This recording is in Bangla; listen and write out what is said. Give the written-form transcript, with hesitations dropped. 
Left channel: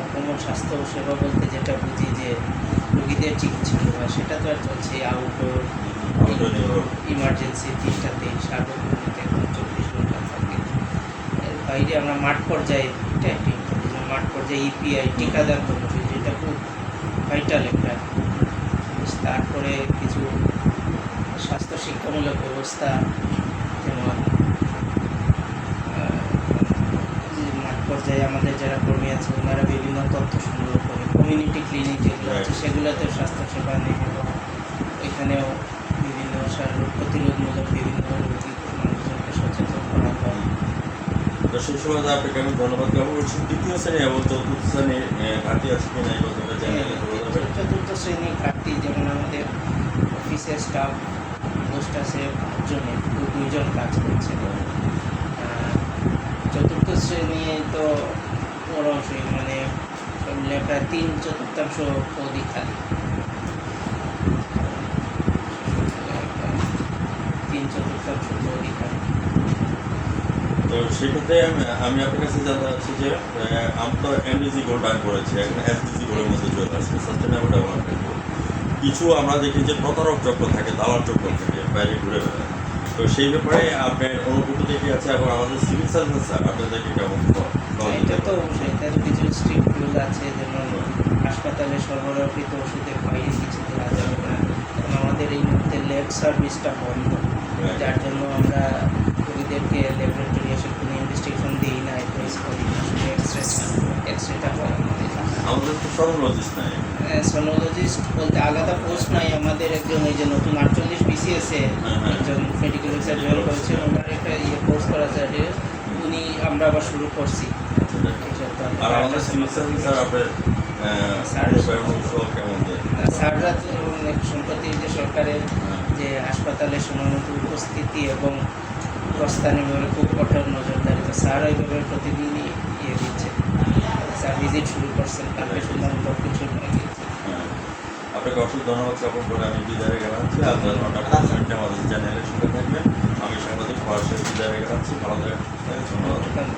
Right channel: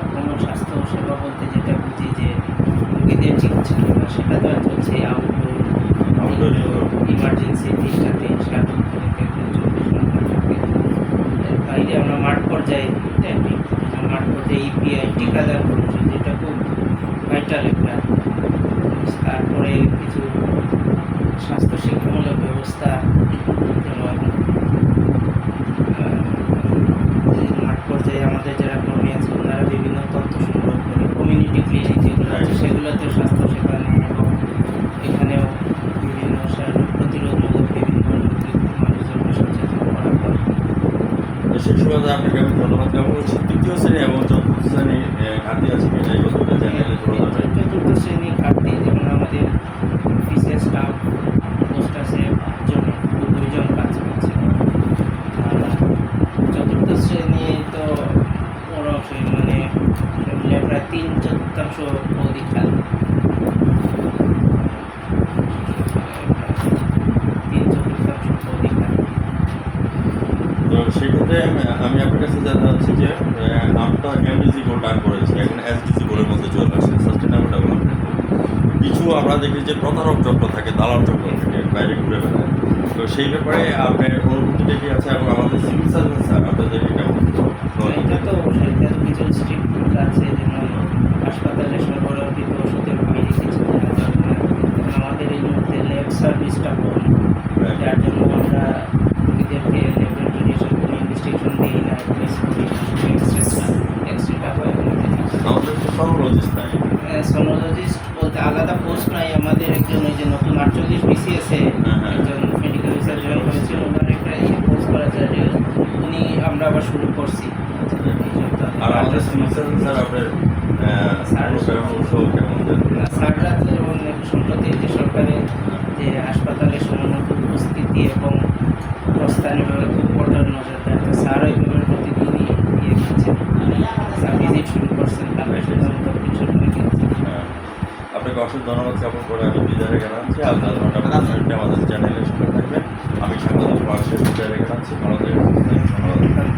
আমরা কোনো স্বাস্থ্য সেবা বলতে যেটা বুঝি যে রোগীদের চিকিৎসা সেবা, সেটা তো আর চলছে আউটডোর, ইনডোর, ইমার্জেন্সি 3টাতে 7 ঘন্টা 24 ঘন্টা থাকে। এর বাইরে আমরা মাঠ পর্যায়ে এটা মাঠ পর্যায়ে ইপিআই টিকাদান করছি, যেটা খুব ভাইটাল একটা জিনিস। তারপরে কিছু স্বাস্থ্য শিক্ষামূলক ব্যবস্থা, যেমন মাঠ পর্যায়ে আমাদের যারা কর্মী আছে তারা বিভিন্ন তথ্য সংগ্রহ করে কমিউনিটি ক্লিনিক যেগুলো আছে সেগুলোতেও স্বাস্থ্যসেবা নেয়, এবং এখানেও বিভিন্ন রোগ প্রতিরোধমূলক বিভিন্ন মানুষজনকে সচেতন করা হয়। তো সেই সময় আপনাকে আমি ধন্যবাদ জ্ঞাপন করছি। তৃতীয় শ্রেণী এবং চতুর্থ শ্রেণী ঘাটতি আছে কিনা এই কথাটা জানালে চতুর্থ শ্রেণী ঘাটতি, যেমন আমাদের অফিসের স্টাফ পোস্ট আছে 5 জনে, 2 জন কাজ করছে। চতুর্থ শ্রেণী তো বড় অংশই মানে প্রায় 3/4 পদই খালি। 3/4 পদই খালি। তো সেই কথায় আমি আপনার কাছে জানতে চাচ্ছি যে আমি তো এমডিজি গোল টাইম করেছি, এখন এসডিজি গোলের মধ্যে চলে আসছে, সাস্টেনেবল ডেভেলপমেন্ট। কিছু আমরা দেখি যে প্রতারক চক্র থাকে, দালাল চক্র থাকে, বাইরে ঘুরে বেড়ায়। তো সেই ব্যাপারে আপনার অনুভূতিটা কি আছে, এবং আমাদের সিভিল সার্ভিস স্যার আপনাদের কেমন? এটা তো অবশ্যই, তার কিছু স্ট্রিক্ট রুল আছে, যেমন হাসপাতালে সরবরাহকৃত ওষুধের বাইরে কিছু দেওয়া যাবে না। কারণ আমাদের এই মুহূর্তে ল্যাব সার্ভিসটা বন্ধ, যার জন্য আমরা রোগীদেরকে ল্যাবরেটরি এসে কোনো ইনভেস্টিগেশন দিই না, অ্যাডভাইস করি না, শুধু এক্সরেটা হয় আমাদের। আমাদের তো সরোলজিস্ট নাই, সোনোলজিস্ট বলতে আলাদা পোস্ট নাই আমাদের। একজন ওই যে নতুন 48 বিসিএসে একজন মেডিকেল রিসার্চ জয়েন করেছেন, ওনার একটা কোর্স করা যায়, উনি আমরা আবার শুরু করছি এই সপ্তাহে। আর আমাদের সিভিল সার্ভিস স্যার আপনার স্যাররা তো যেমন সম্প্রতি যে সরকারের যে হাসপাতালে সময়মত উপস্থিতি এবং প্রস্থানের ব্যাপারে খুব কঠোর নজরদারি, তো স্যার ওই ব্যাপারে প্রতিদিনই দিচ্ছেন। স্যার ভিজিট শুরু করছেন, কালকে শুধুমাত্র কিছু গিয়েছেন। আপনাকে অসংখ্য ধন্যবাদ জ্ঞাপন করে আমি বিদায় জানাচ্ছি। আপনার আমাদের চ্যানেলের সাথে থাকবেন। আমি সমাজের পাশে বিদায় জানাচ্ছি। ভালো থাকবেন, ধন্যবাদ।